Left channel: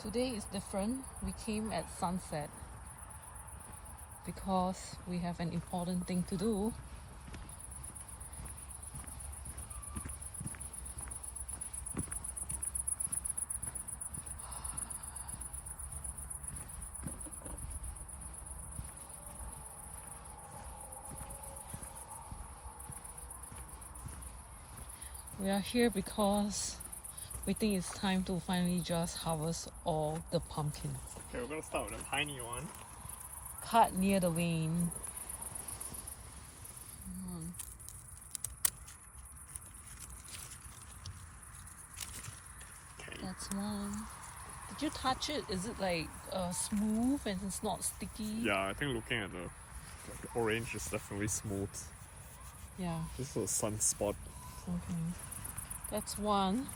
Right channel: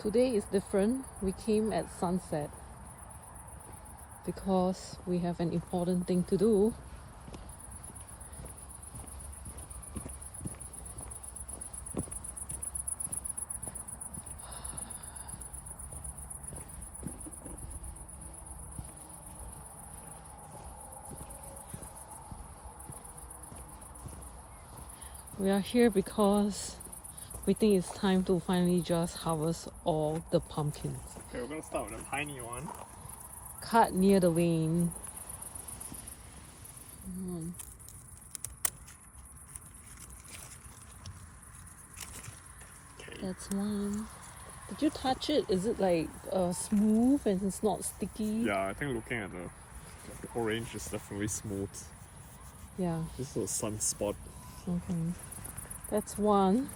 Today is different. We came at sunset because we have an important thing to do. We are here because we think it's time to finally just harvest all the pumpkins. Okay, we're gonna start with a tiny one. Cut near the vein. Okay. That's one. Did you touch it? Is it like smooth and it's not sticky? Yeah, I think looking at the orange is definitely smooth. Yeah. This is a sunspot. Okay. That's one.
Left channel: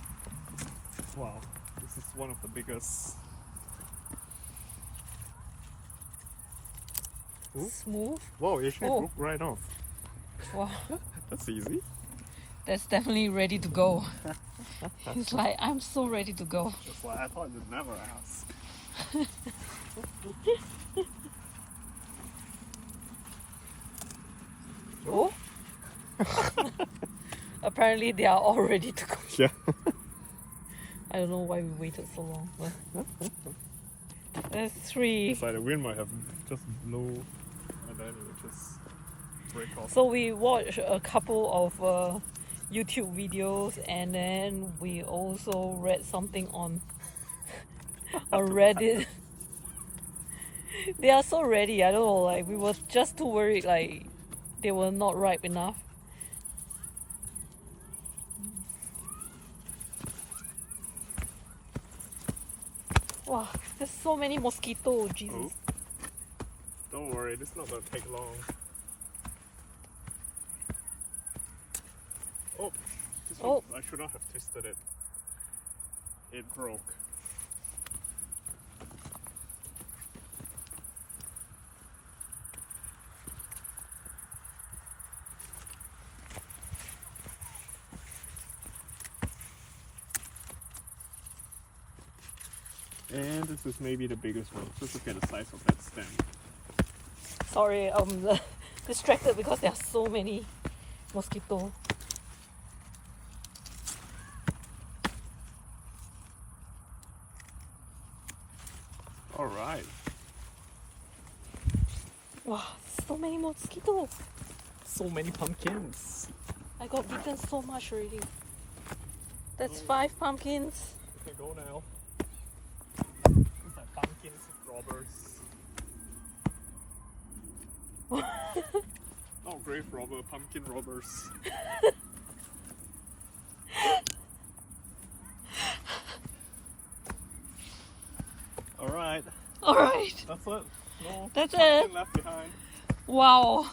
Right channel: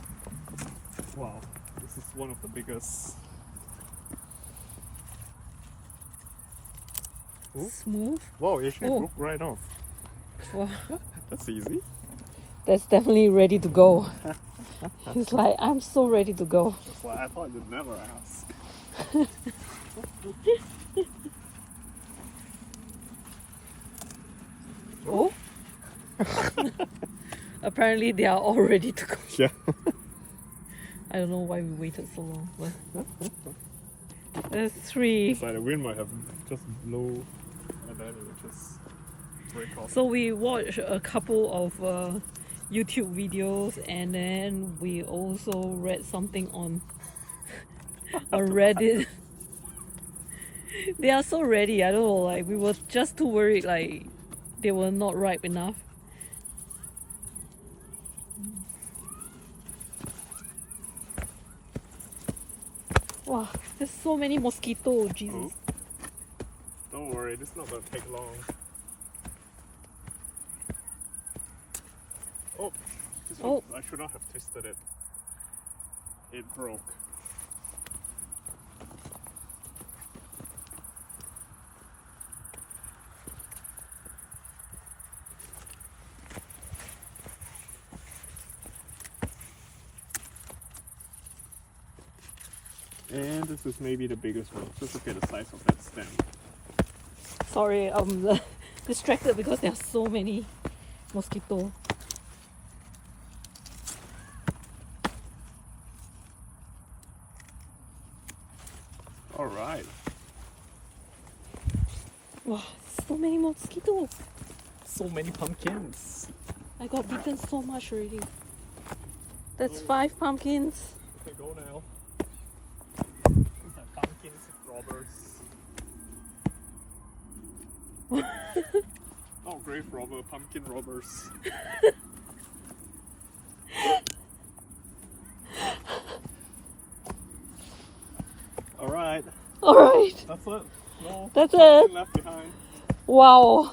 Wow, this is one of the biggest. Ooh. Smooth. Wow, it actually Oh. broke right off. Wow. That's easy. That's definitely ready to go. He's like, I'm so ready to go. That's why I thought you'd never ask. Oh. Apparently they are all ready to go. Yeah. I don't know why we waited so long. But there's three. It's like the wind might have just blow and then it would just break off. So we watched a couple of YouTube videos and then we also read something on Reddit. They are so ready. I don't know, like we were just too worried like they were not ripe enough. Wow, there's so many mosquitoes, Jesus. Oh. Don't worry, this is not gonna take long. Oh, this one, Oh. I should not have twisted it. It broke. And this is maybe the biggest one. Just look at the size of that stem. Sorry, I'm distracted because there are so many mosquitoes. Alright. Wow, so many mosquitoes. So many pumpkins. I got bitten so much already. That's 5 pumpkins. Okay, go now. It's like pumpkins robbers. Oh, grave robber, pumpkin robbers. Alright, Alright, that's it. No that's pumpkin it. left behind. Wow.